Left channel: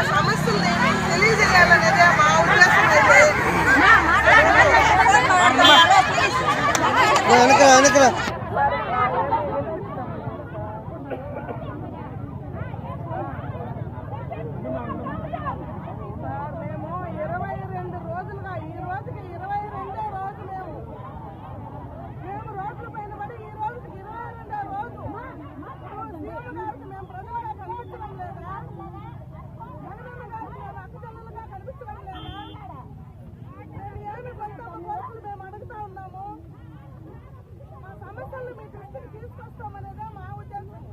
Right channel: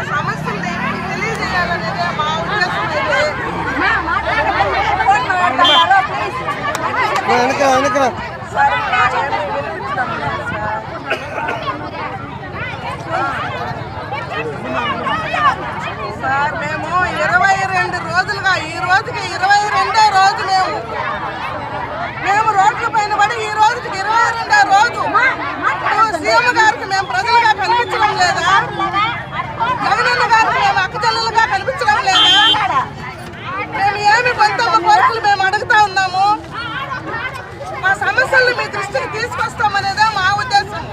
మీకు తెలియజేయాలనేదే మా ఉద్దేశం అయితే. సార్ మేము ఇరవై రెండు రోజులుగా ఈ రోజుకి ఇరవై రెండో రోజు మేము మేము రోడ్ల పైన పడి ఈ రోజుకి ఇరవై రెండో రోజు ఇప్పుడు సీఎం గారికి మేము ప్రజలుగా కనిపించడం లేదా జగనన్న గారికి మేము అక్కచెల్లెలుగా కనిపించడం లేదా మేము ఏమి కొంతమ్మ కోరికలు మేము అడుగుతా ఉన్నాము మా సమస్యలను మీ దృష్టికి తీసుకొస్తామనేదే మా ఉద్దేశం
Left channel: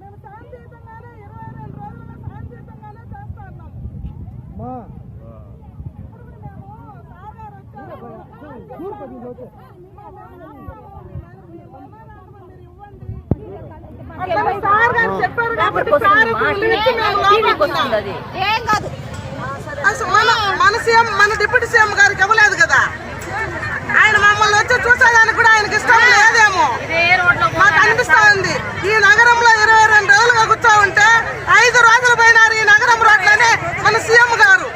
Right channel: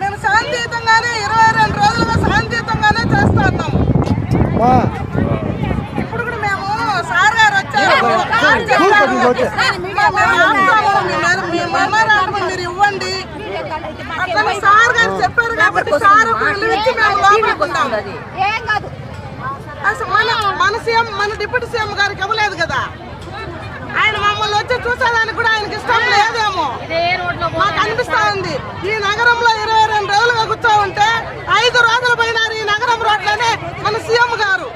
మేము శాంతియుతంగానే ఇరవై రెండు రోజులుగా శాంతియుతంగానే చేస్తా ఉన్నాము ఇప్పుడు కూడా మేము సార్ గారు వచ్చారు. మీ మెమరాండం మీరు ఇవ్వండి అట్లా సార్ గారు చెప్పారు కాబట్టి సార్ ఇచ్చి మేము లోపలికుందాం అసలు మన మన సీఎం మన డిప్యూటీ సీఎం గారికి ఇవ్వలేదు కదా ఆయన మమ్మల్ని వచ్చి చూసేదానికి కూడా ఆయనకి ఇష్టం లేదేమో. మాకు అనిపిస్తా ఉంది. ఈ నగరంలో ఇరవై రెండు రోజులుగా కూర్చో ఉంటే ఐదు రోజులు పోయినారు ఈ నగరం రోడ్లోనే మన సీఎం గారు.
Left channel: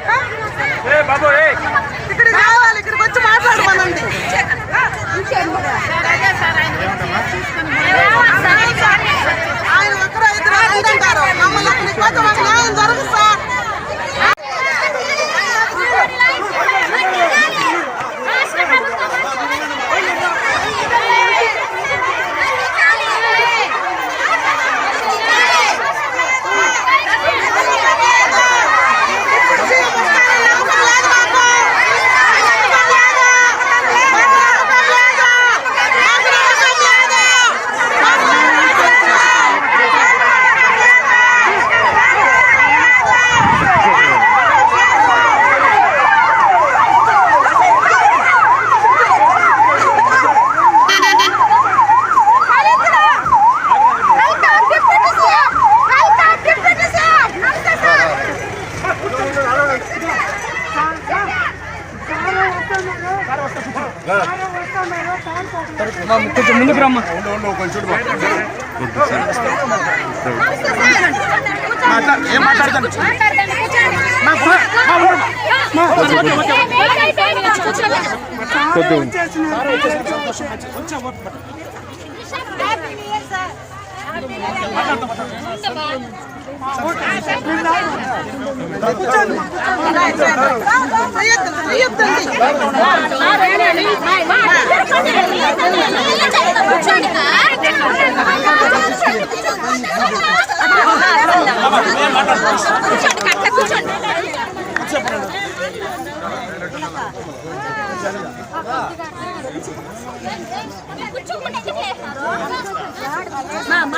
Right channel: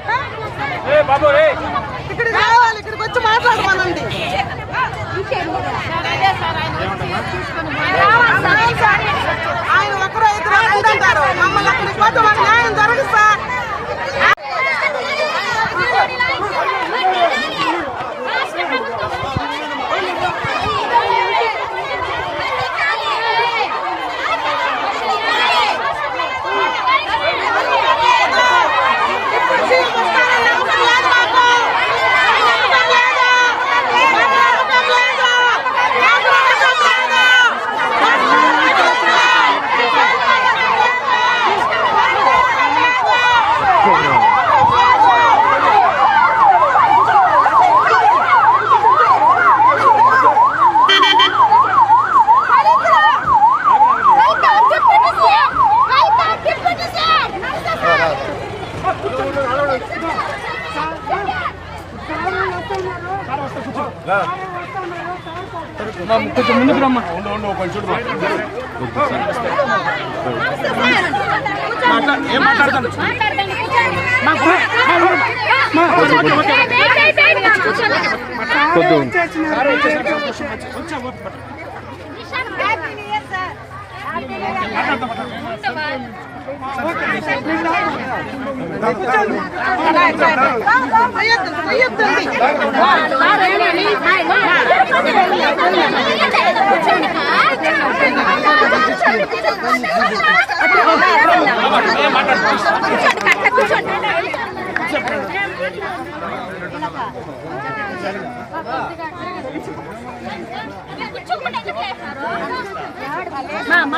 ఇక్కడికి రావాలి ఇక్కడికి వచ్చి మాట్లాడమనండి. ఆయన ఒకరు ఇద్దరు అంటారు. మమ్మల్ని ఇక్కడికి పోతే మాకు న్యాయం జరగదు సార్ ఇప్పుడు సీఎం వస్తారని నమ్మకం లేదు మాకు. నమ్మకం లేదు. మాకు నమ్మకం లేదు. మాకు నమ్మకం లేదు. కొంచెం ముందుకు రమ్మ మాట్లా ఏం మాట్లాడతాను కూర్చోండి కట్ట కూర్చోండి.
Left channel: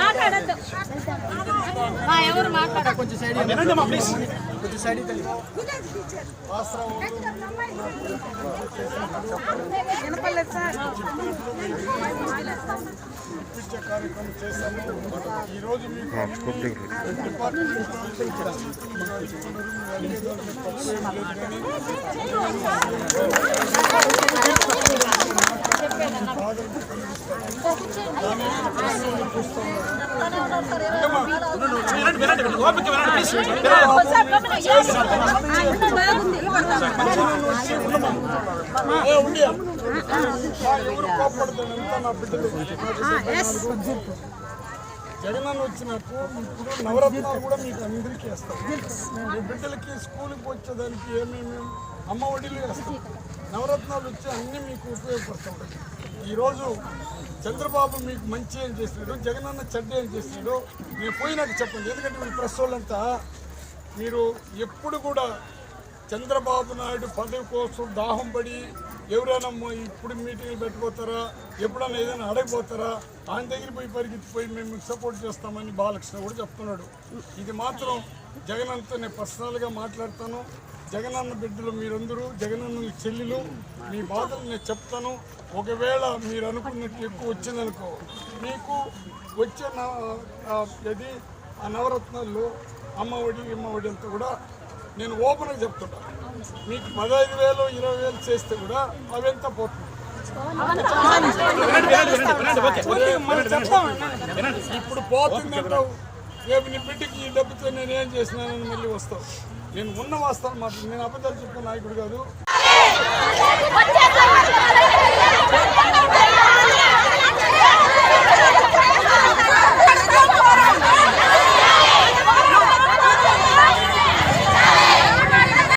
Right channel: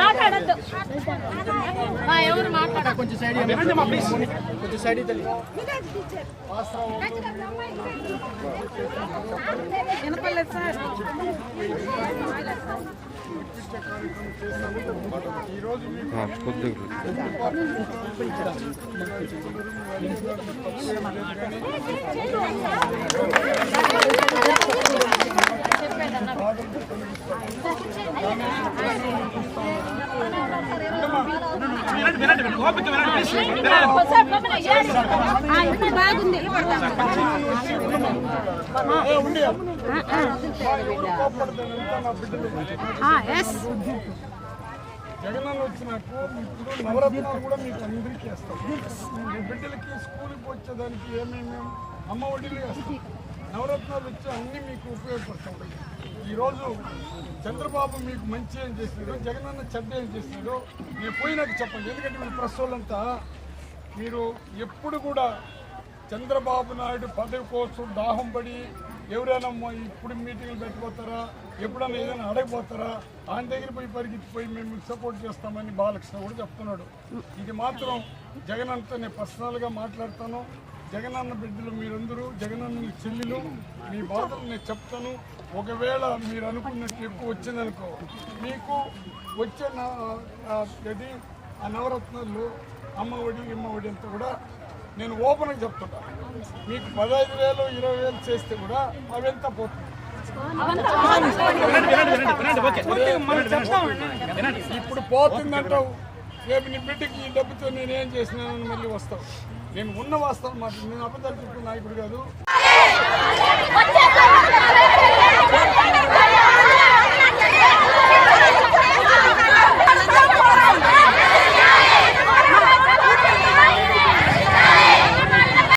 మాట్లాడద్దు సైడ్ కొంచెం సైడ్ వినండి కార్యక్రమం ప్లీజ్ ఈరోజు మీకు ఎవరు కోపడతాను ఎంత నా బిడ్డలు జగనన్న వచ్చినాకు ఇప్పుడు నవరత్నాలు కూడా మీకు అందరికీ వేస్తాం మీ బిడ్డలకి స్కూల్కి వచ్చేదానికి ఏమేమి అమ్మ ఒడిలు వేస్తాం. నవరత్నాలు వచ్చి అన్నీ మీకు ఉపయోగపడతాయి. ఈరోజు చంద్రబాబు మీకు మంచి ఏం చేసినాడు జగనన్న చెడ్డ ఏం చేసినాడు నేను పోయినాక చెప్పండి. ఎందుకంటే మీరు ప్రెస్ వాళ్ళంతా మీరు ఎప్పుడు కూడా చంద్రబాబు నాయుడు పదవి కోసం దాహం పడి ఎవరైనా ఇప్పుడు మీటింగ్లు పెట్టిపోతారా? ఎప్పుడైనా ఏదైనా అడగిపోతారా ఆయన దగ్గర పోయి పరిగెత్తిపోయి మేము సపోర్ట్ చేస్తామని బాలకృష్ణ కూడా చెప్తున్నాడు. ఇది మాత్రం జగన్ అంతా నేను పర్సనల్గా మాట్లాడతాను. జగనన్న బిడ్డలు మీరందరూ జగనన్న చెల్లెలు మీ బాధలు నేను చెప్తాను. ఒకవేళ మీరు అనుకున్నట్టు ఎక్కువ వచ్చిందనుకో మీకు వచ్చే అది ఆ, ఇది నవరత్నాల్లో అమ్మ ఒడి ఒడి అంతా కూడా నేను ఓపెన్గా చెప్తున్నా. మీకు పదహైదు వేలు ఇరవై వేలు చేస్తే కూడా అవంతా పోతుంది. ఇప్పుడు పోతుందంటావు రేపు నీ బిడ్డకి ఈ డబ్బుతో నేను ఏం చేసినానని మళ్ళీ వస్తావు. నేను ఉన్న వాస్తవం మాట నేను అబద్ధాలు చెప్పిన నాయకుడు కాదు.